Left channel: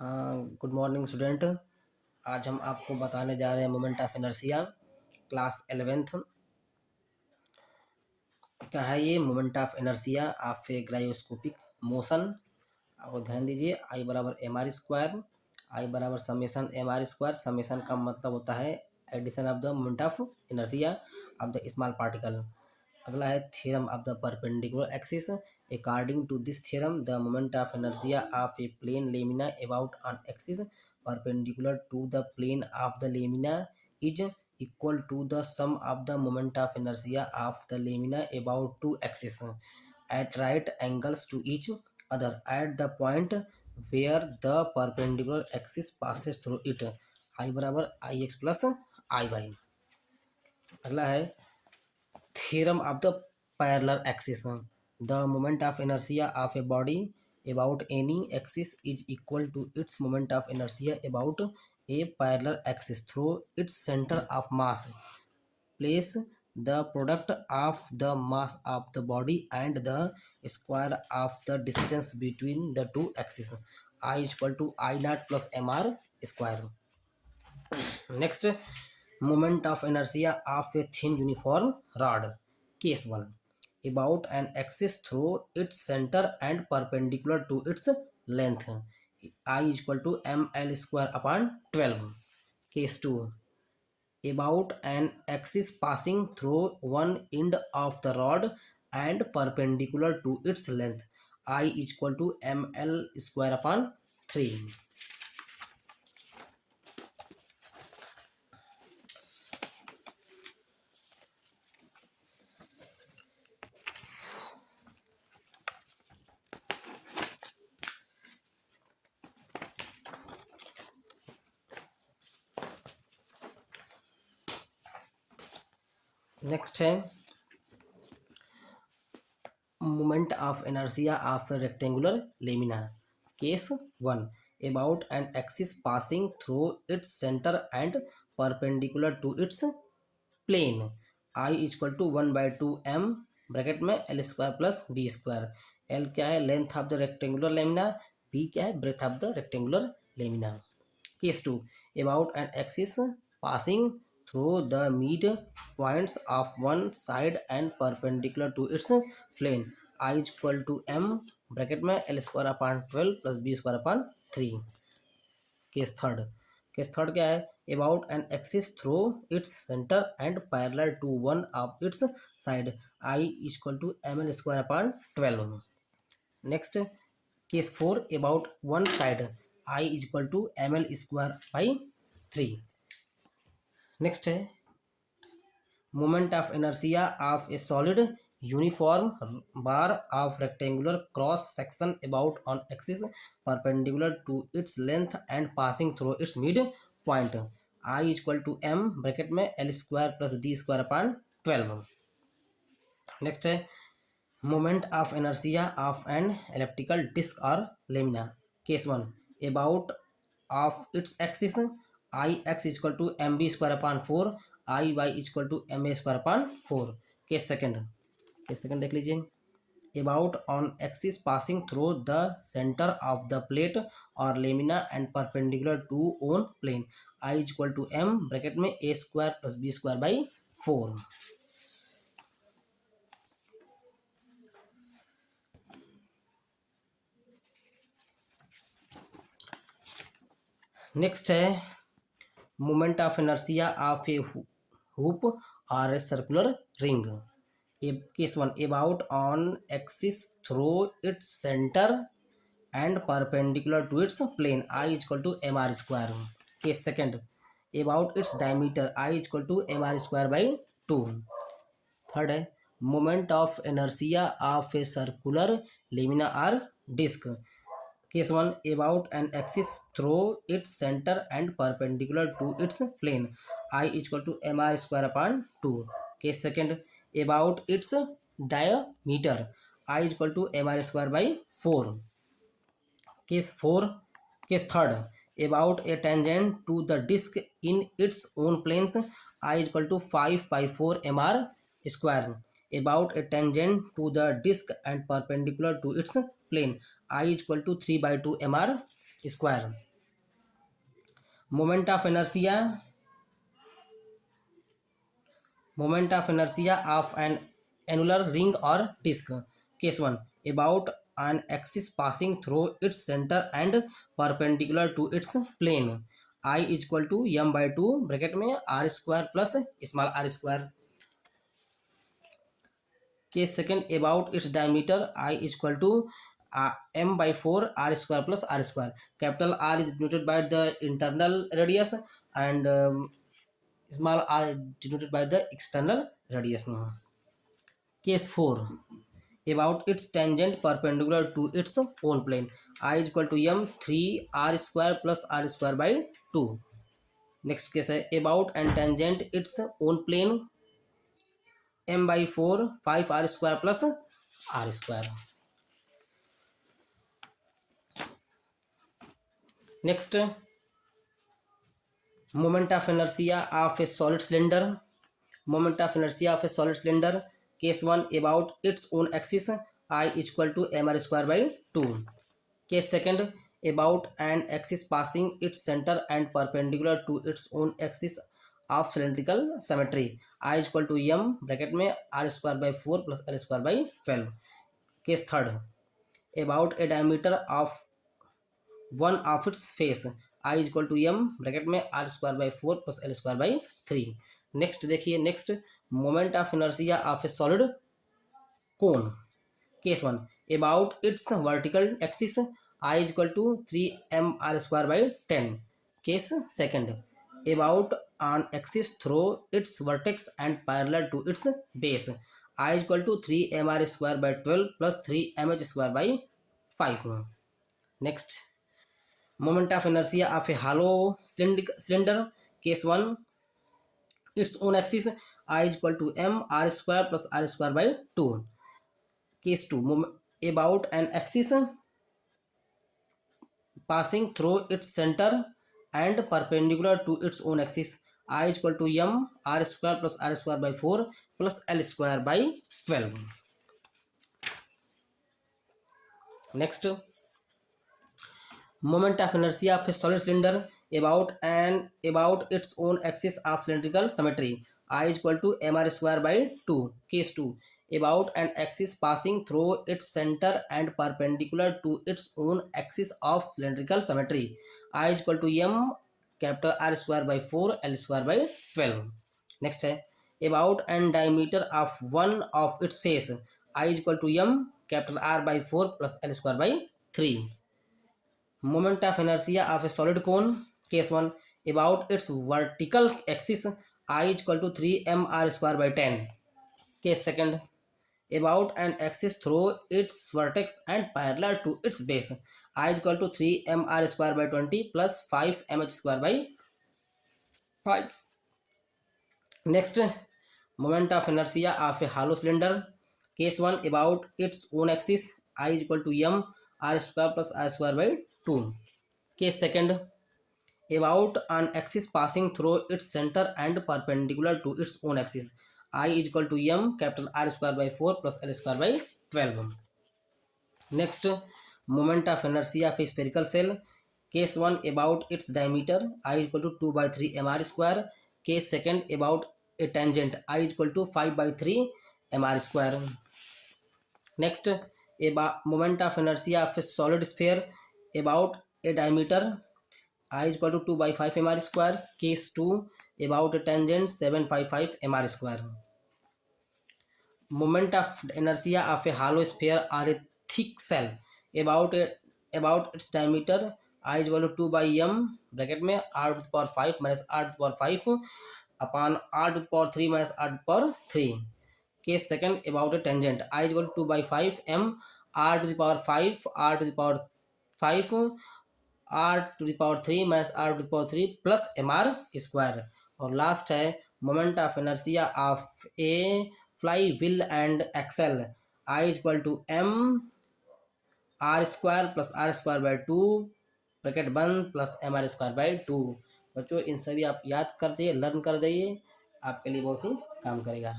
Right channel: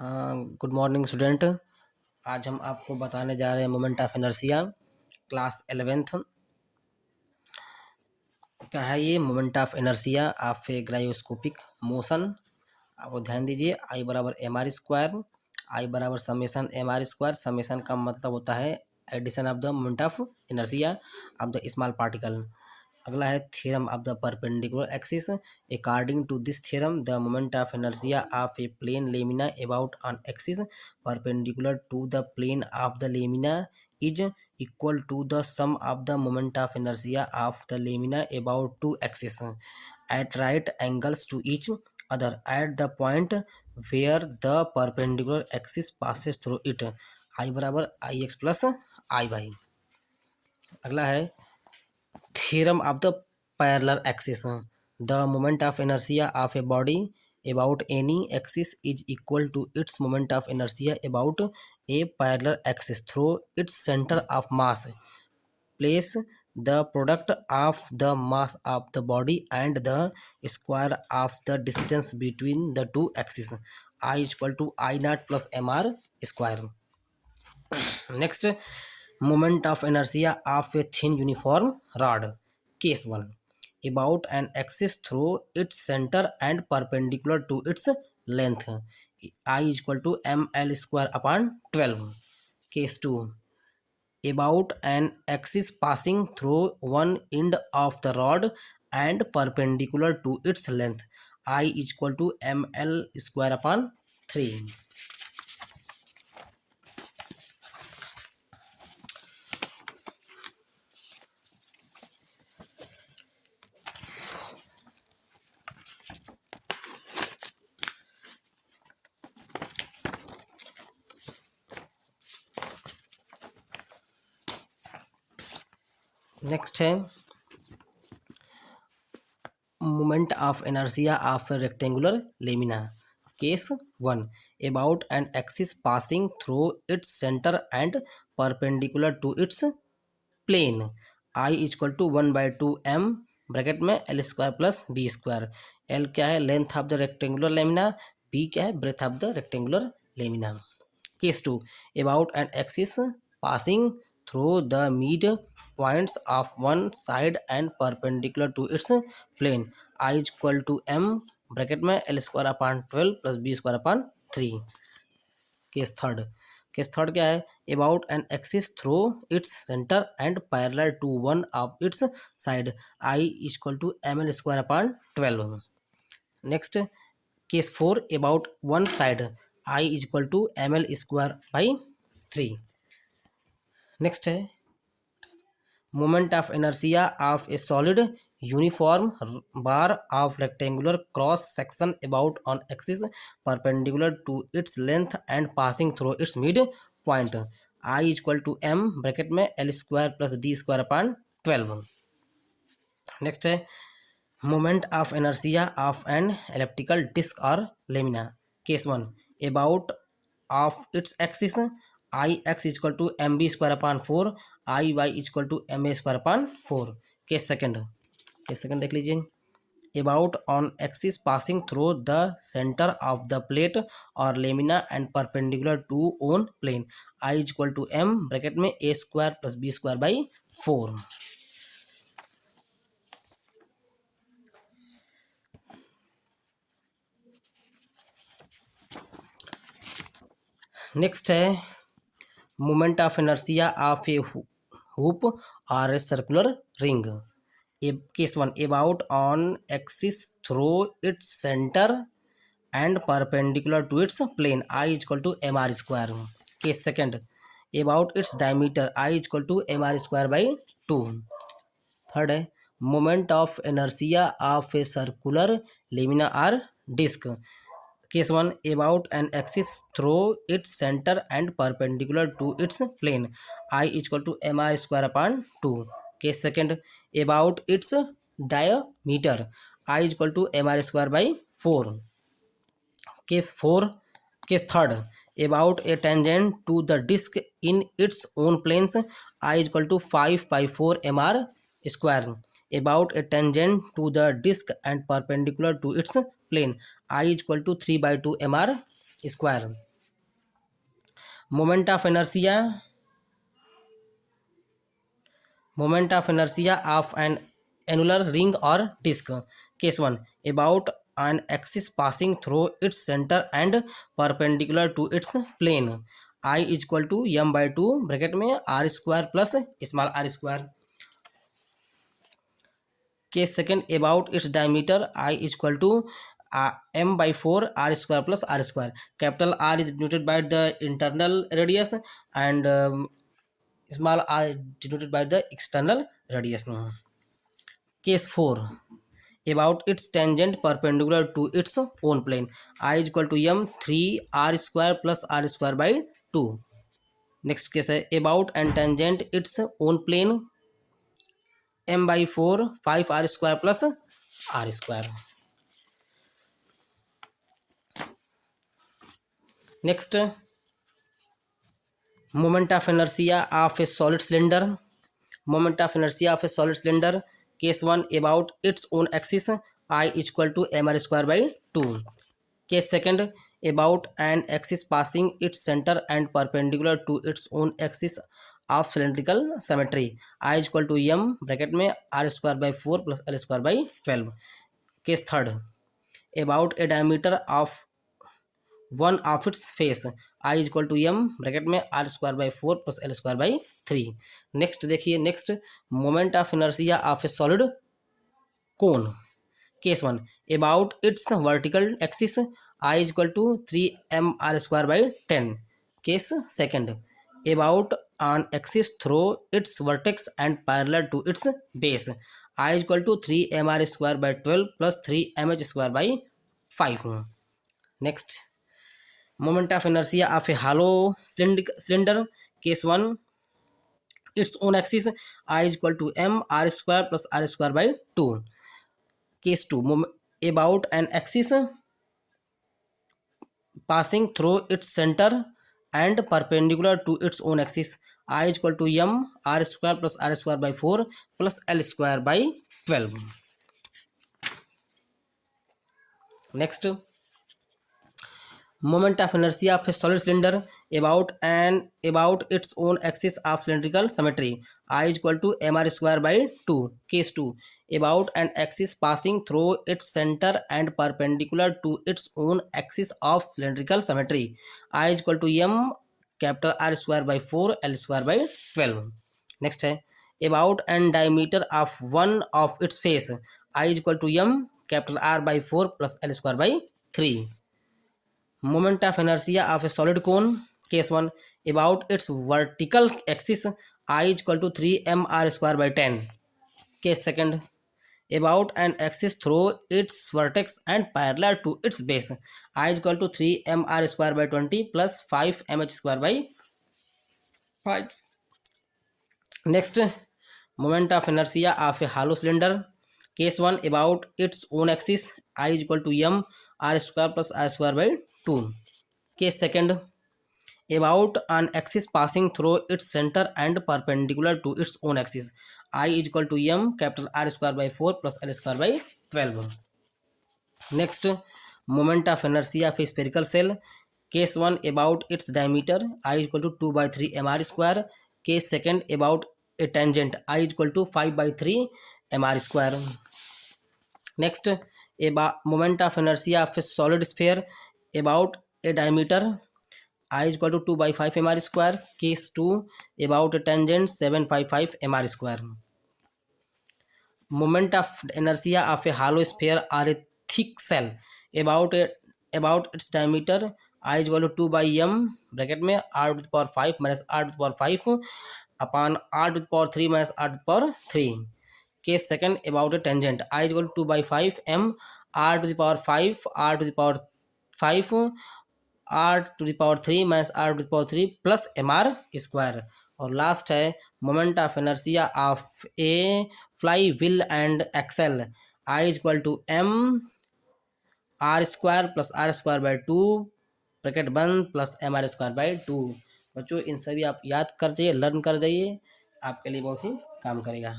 हाँ, good morning student. आज हम आपको बताने जा रहे हैं moment of inertia, class 11th का है ये। Moment of inertia of a gyroscopic motion. आपको ध्यान दीजिए, आई बराबर एम आर स्क्वायर, आई बराबर summation M R square. Summation का मतलब होता है addition of the moment of inertia of the small particle. अगला है theorem of the perpendicular axis. According to this theorem the moment of inertia of a plane lamina about on axis perpendicular to the plane of the lamina is equal to the sum of the moment of inertia of the lamina about two axes at right angles to each other at the point where the perpendicular axis passes through it। I बराबर आई x plus आई Y. अगला है theorem of the parallel axis। The moment of inertia of a body about any axis is equal to its moment of inertia about a parallel axis through its center of mass। Place the product of the mass of the body and the square of the distance between the two axes। I is equal to I naught plus mr square। Next, moment of inertia of a thin uniform rod। Case 1, about an axis through its center and perpendicular to its length। I is equal to ml square upon 12। Case 2, about an axis passing through one end of the rod and perpendicular to its length। I is equal to ml square upon 3। Next है moment of inertia of A rectangular lamina. Case 1, about an axis passing through its center and perpendicular to its plane। I is equal to 1/2 m bracket में L square plus B square. L क्या है? Length of the rectangular lamina. B क्या है? Breadth of the rectangular lamina. Case 2, about an axis passing through the mid points of one side and perpendicular to its plane। I is equal to m bracket में L square upon 12 plus B square upon 3। Case third क्या है? About an axis through its centre and parallel to one of its side. I is equal to M L square upon 12। Next, case 4, about one side. I is equal to M L square by 3। Next है moment of inertia of a solid uniform bar of rectangular cross section about on axis perpendicular to its length and passing through its midpoint. I is equal to M bracket में L square plus D square upon 12। Next है moment of inertia of an elliptical disc और lamina. Case 1, about of its axis. I X is equal to M B square upon 4। I Y is equal to M A square upon 4। Case second देख लीजिए। About on axis passing through the centre of the plate और lamina and perpendicular to own plane. I is equal to M bracket में A square plus B square by 4। Next है moment of inertia of a hoop और a circular ring. Case 1, about on axis through its centre and perpendicular to its plane. I is equal to M R square. Case second, about its diameter. I is equal to M R square by 2। Third है moment of inertia of a circular lamina or disc. Case 1, about an axis through its centre and perpendicular to its plane. I is equal to M R square upon 2। Case second, about its diameter. I is equal to M R square by 4। Case third, about a tangent to the disc in its own planes. I is equal to 5/4 M R square. About a tangent to the disc and perpendicular to its plane. I is equal to 3/2 M R square. Moment of inertia, moment of inertia of an annular ring or disk. Case 1, about an axis passing through its center and perpendicular to its plane. I is equal to m by 2 bracket में r square plus small r square. Case second, about its diameter I is equal to m by 4 r square plus r square. Capital R is denoted by the internal radius and small r is denoted by the external radius. Case 4, about its tangent perpendicular to its own plane. I is equal to m 3 r square plus r square by 2. Next case है about and tangent its own plane, m by 4 5 r square plus r square. Next, moment of inertia of a solid cylinder. Moment of inertia of a solid cylinder. Case 1, about its own axis I is equal to mr square by 2. Case second, about an axis passing its center and perpendicular to its own axis of cylindrical symmetry. I is equal to m bracket में r square by 4 plus l square by 12. Case third, about a diameter of one of its face. I is equal to m bracket में r square by 4 plus l square by 3. Next देखिए, next moment of inertia of a solid cone. Case 1, about its vertical axis I is equal to 3 m r square by 10. Case second, about an axis through its vertex and parallel to its base. I is equal to 3 m r square by 12 plus 3 m h square by 5. Next, moment of inertia of a hollow cylinder. Case 1, its own axis I is equal to m r square plus r square by 2. Case 2, about an axis passing through its center and perpendicular to its own axis. I is equal to m r square plus r square by 4 plus l square by 12. Next, moment of inertia of a solid cylinder about its own axis of cylindrical symmetry. I is equal to mr square by 2. Case 2, about an axis passing through its center and perpendicular to its own axis of cylindrical symmetry. I is equal to m capital R square by 4 l square by 12. Next है about and diameter of one of its face. I is equal to m capital R by 4 plus l square by 3. Moment of inertia of a solid cone. Case 1, about its vertical axis I is equal to 3 m r square by 10. Case second, about an axis through its vertex and parallel to its base. I is equal to 3 m r square by 20 plus 5 m h square by 5. Next, moment of inertia of a hollow cylinder. Case 1, about its own axis I is equal to m r square plus r square by 2. Case second, about an axis passing through its center and perpendicular to its own axis. I is equal to m capital R square by 4 plus l square by 12. Next, moment of inertia of a spherical cell. Case 1, about its diameter I is equal to 2 by 3 mr square. Case second, about a tangent I is equal to 5 by 3 mr square. Next, moment of inertia of a solid sphere about a diameter I is equal to 2 by 5 mr square. Case 2, about a tangent 755 mr square. Moment of inertia of a hollow sphere or a thick cell about its diameter I is equal to 2 by m bracket में r to the power 5 minus r to the power 5 upon r to the power 3 minus r to the power 3. Case second, about a tangent I is equal to 2 by 5 m r to the power 5 r to the power 5 r to the power 3 minus r to the power 3 plus mr square. और last है moment of inertia of a flywheel and axle I is equal to m r square plus r square by 2 bracket बंद plus mr square by 2. बच्चों इन सभी आप याद कर जाइए, learn कर जाइए, आपके लिए बहुत ही काम करेगा.